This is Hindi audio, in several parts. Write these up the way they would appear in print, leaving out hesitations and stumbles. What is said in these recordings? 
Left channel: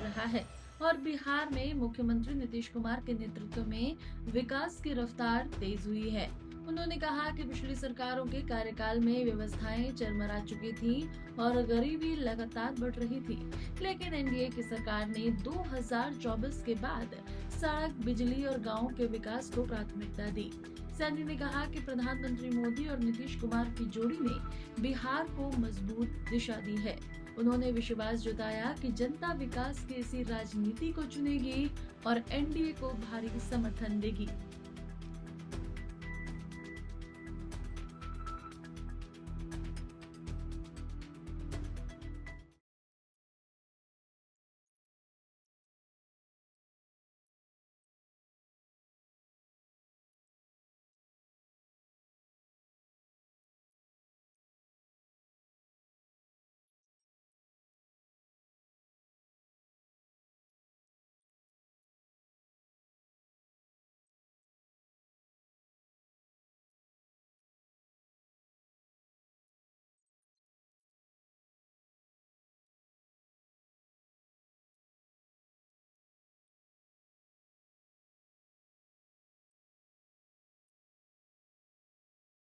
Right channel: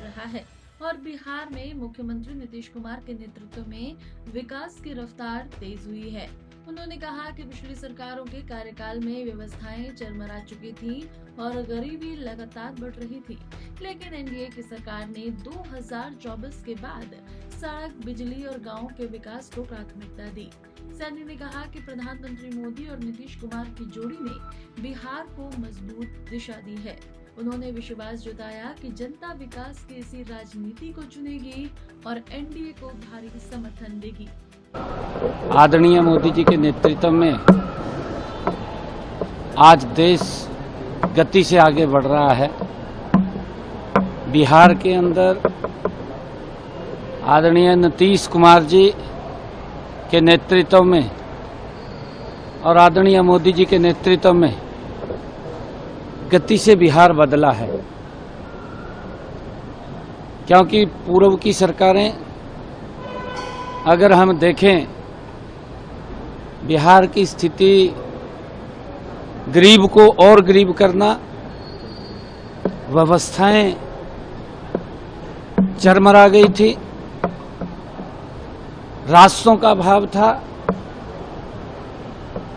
रहा है और बिहार में मुख्यमंत्री नीतीश कुमार के नेतृत्व में विकास की रफ्तार तेज हुई है। उन्होंने कहा कि पिछली सरकारों के कार्यकाल में व्यवस्थाएं चरमरा चुकी थी और गरीबी लगातार बढ़ रही थी, लेकिन एनडीए की सरकार ने 2024 के बाद सड़क, बिजली और गाँव के विकास को प्राथमिकता दी। सैनी ने कहा कि प्रधानमंत्री मोदी और नीतीश कुमार की जोड़ी ने बिहार को मजबूत दिशा दी है। उन्होंने विश्वास जताया कि जनता विकास की इसी राजनीति को चुनेगी और एनडीए को भारी समर्थन देगी। आदरणीय मोदी जी के नेतृत्व में आज देश गति से आगे बढ़ रहा है। बिहार के अंदर आदरणीय नीतीश कुमार जी के नेतृत्व में और आदरणीय मोदी जी के नेतृत्व में गति से बिहार बदला है, क्योंकि पूर्व की सरकारें अगर हम देखें, बिहार की स्थिति गरीब को और गरीब करना, व्यवस्थाएं चरमरा गई थी, रास्तों का अभाव था,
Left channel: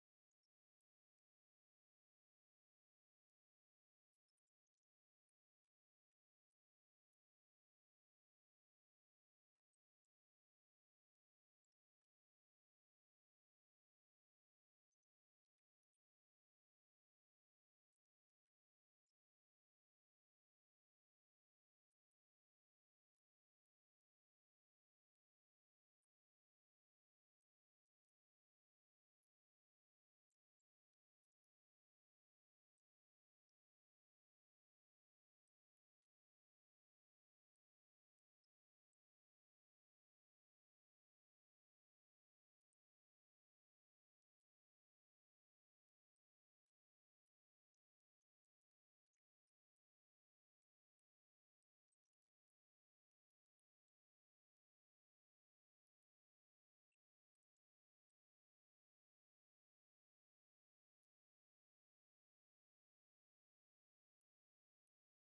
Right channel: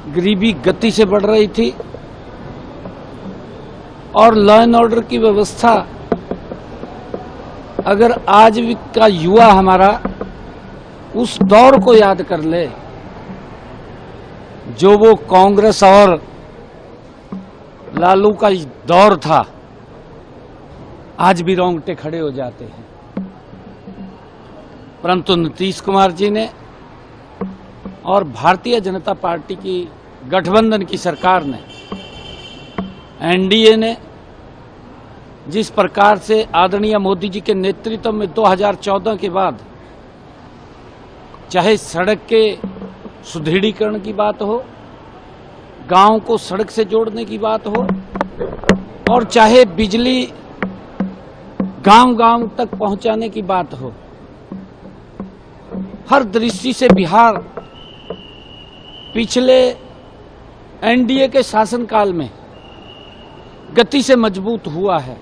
गरीबी गति से बढ़ रही थी और लॉ एंड ऑर्डर की व्यवस्था अगर आज का युवा हमारा उस दौर को याद कर ले जो वो कांग्रेस और लालू का दौर था, आज भी रोंगटे खड़े हो जाते हैं। परंतु नीतीश कुमार जी ने और भारतीय जनता पार्टी की गठबंधन की सरकार ने, एनडीए ने जिस प्रकार से आदरणीय मोदी जी के नेतृत्व में 2014 के बाद चाहे सड़क के सुदृढ़ीकरण की बात हो, गांव को सड़क से जोड़ने की बात हो, और चाहे बिजली गांव-गांव तक पहुंचाने की बात हो, हर दृष्टि से बिहार पिछले एनडीए के शासनकाल में गति से मजबूत हुआ है।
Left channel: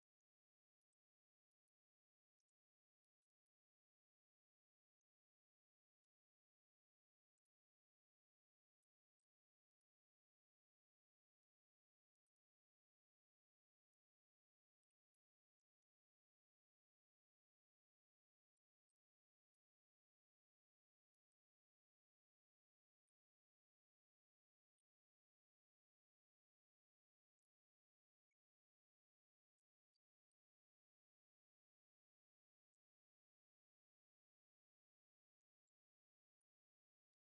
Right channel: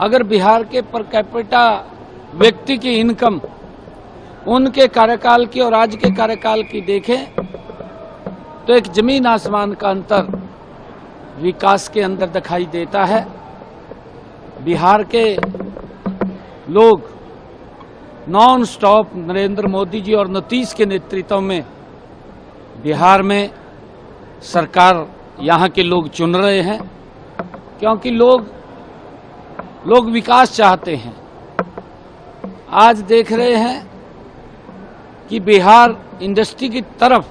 अगर बिहार के पर कैपिटा व्यक्ति की इनकम उनके कार्यकाल की और आज के कार्यकाल की देखें तो एक जमीन आसमान का अंतर विकास के अंदर दिखाई देता है। बिहार के लोग नॉन स्टॉप नरेंद्र मोदी जी और नीतीश के नेतृत्व में बिहार में सरकार यहाँ के लोग चुन रहे हैं, क्योंकि लोग विकास चाहते हैं। आज देख रहे हैं कि बिहार इंडस्ट्री की तरफ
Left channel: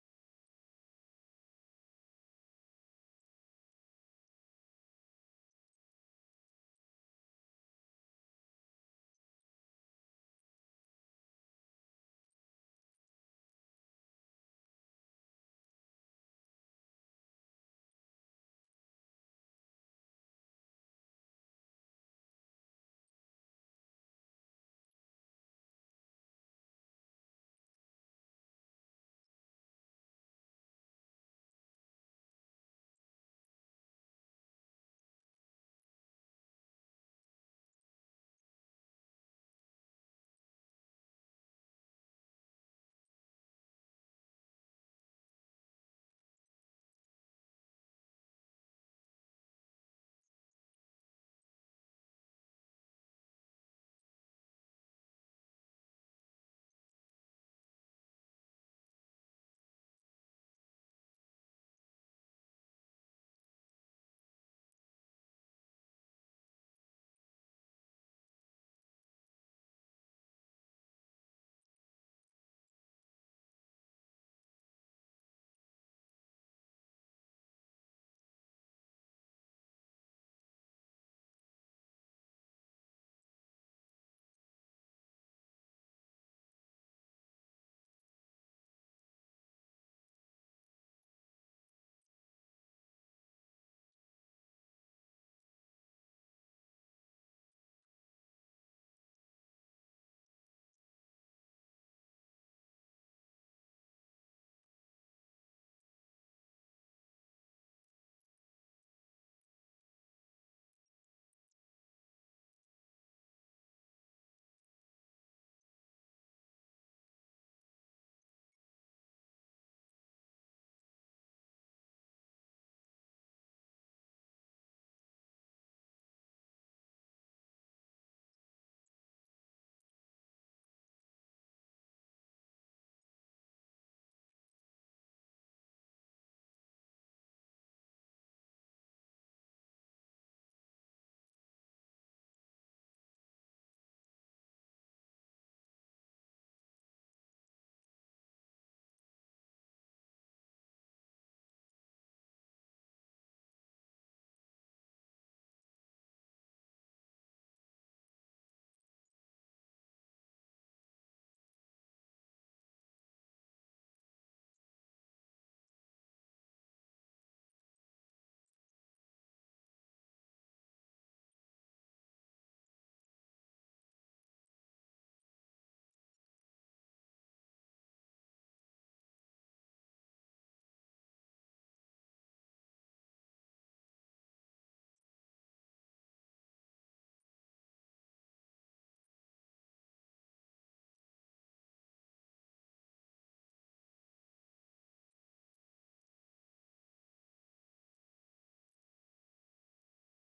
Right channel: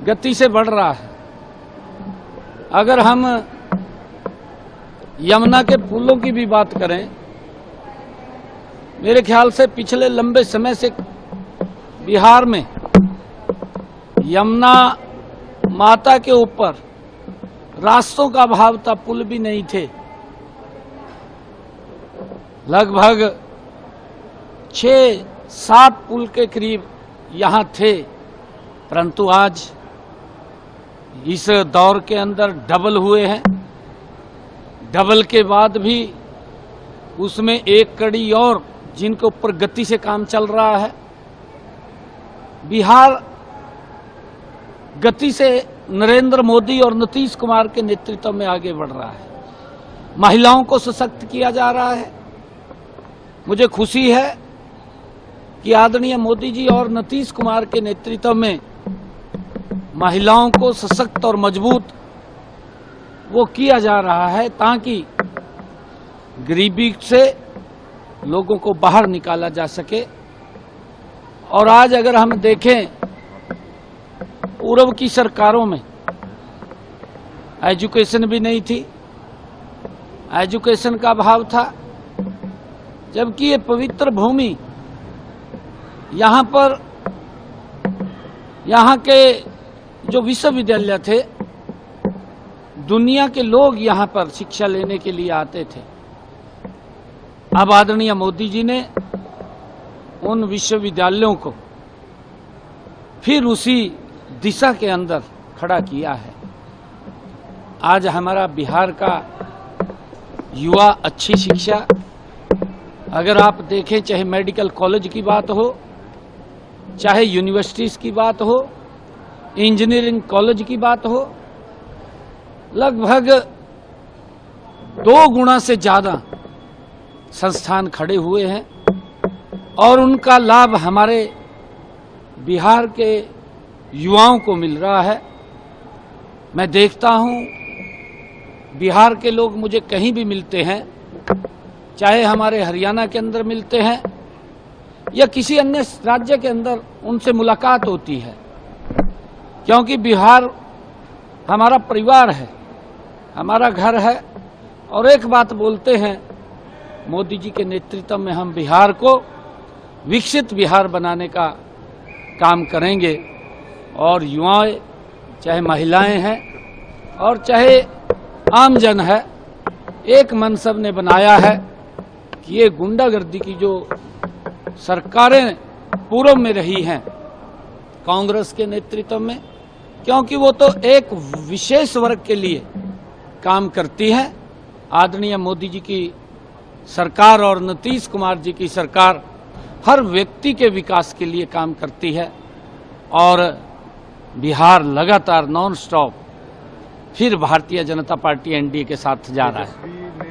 गति से बढ़ रहा है। अगर हम यमुना के पुलों की भी बात करें, मेरे ख्याल से पिछले लंबे समय से बिहार में यमुना माता के ऊपर रास्तों का अभाव था, पुल भी नहीं थे। लगभग 6-7 पुल के करीब यहाँ थे, परंतु आज इस दौर के अंदर डबल हुए हैं। डबल के बाद भी उसमें एक कड़ी और जिनके ऊपर गति से काम चल रहा है। बिहार गति से नरेंद्र मोदी और नीतीश कुमार के नेतृत्व में आगे बढ़ रहा है। महिलाओं को सशक्त किया जा रहा है। मुझे खुशी है कि आदरणीय मोदी जी और नीतीश कुमार के नेतृत्व में महिलाओं को सशक्त और मजबूत वो किया जा रहा है, ताकि गरीबी से लोगों को बाहर निकाला जा सके। और आज अगर हम देखें, पूर्व की सरकारों में एजुकेशन भी नहीं थी, एजुकेशन का अभाव था, जबकि ये पवित्र भूमि यहाँ पर यहाँ के जो विश्वविद्यालय थे, दुनिया के लोग यहाँ पर शिक्षा लेने के लिए आते थे। अब आदरणीय मोदी जी ने उन विश्वविद्यालयों को फिर उसी दिशा के अंदर खड़ा किया है। आज हमारा बिहार का युवा अच्छी शिक्षा, अगर आप देखें चाहे मेडिकल कॉलेज की बात हो, चाहे यूनिवर्सिटीज़ की बात हो, इंजीनियरिंग कॉलेज की बात हो, लगभग 2 गुना से ज़्यादा संस्थान खड़े हुए हैं और उनका लाभ हमारे बिहार के युवाओं को मिल रहा है। मैं देखता हूं बिहार के लोग मुझे कहीं भी मिलते हैं, चाहे हमारे हरियाणा के अंदर मिलते हैं या किसी अन्य राज्य के अंदर उनसे मुलाकात होती है, क्योंकि बिहार हमारा परिवार है, हमारा घर है। और एक बात बोलते हैं, मोदी जी के नेतृत्व में हम बिहार को विकसित बिहार बनाने का काम करेंगे। और युवाएं, चाहे महिलाएं हैं और चाहे आम जन है, एक मन सब ने बनाया है कि ये गुंडागर्दी की जो सरकारें पूर्व में रही हैं कांग्रेस के नेतृत्व में, क्योंकि वो तो एक विशेष वर्ग के लिए काम करती है। आदरणीय मोदी जी की सरकार और नीतीश कुमार जी की सरकार हर व्यक्ति के विकास के लिए काम करती है और बिहार लगातार नॉन स्टॉप फिर भारतीय जनता पार्टी एनडीए के साथ जा रहा है।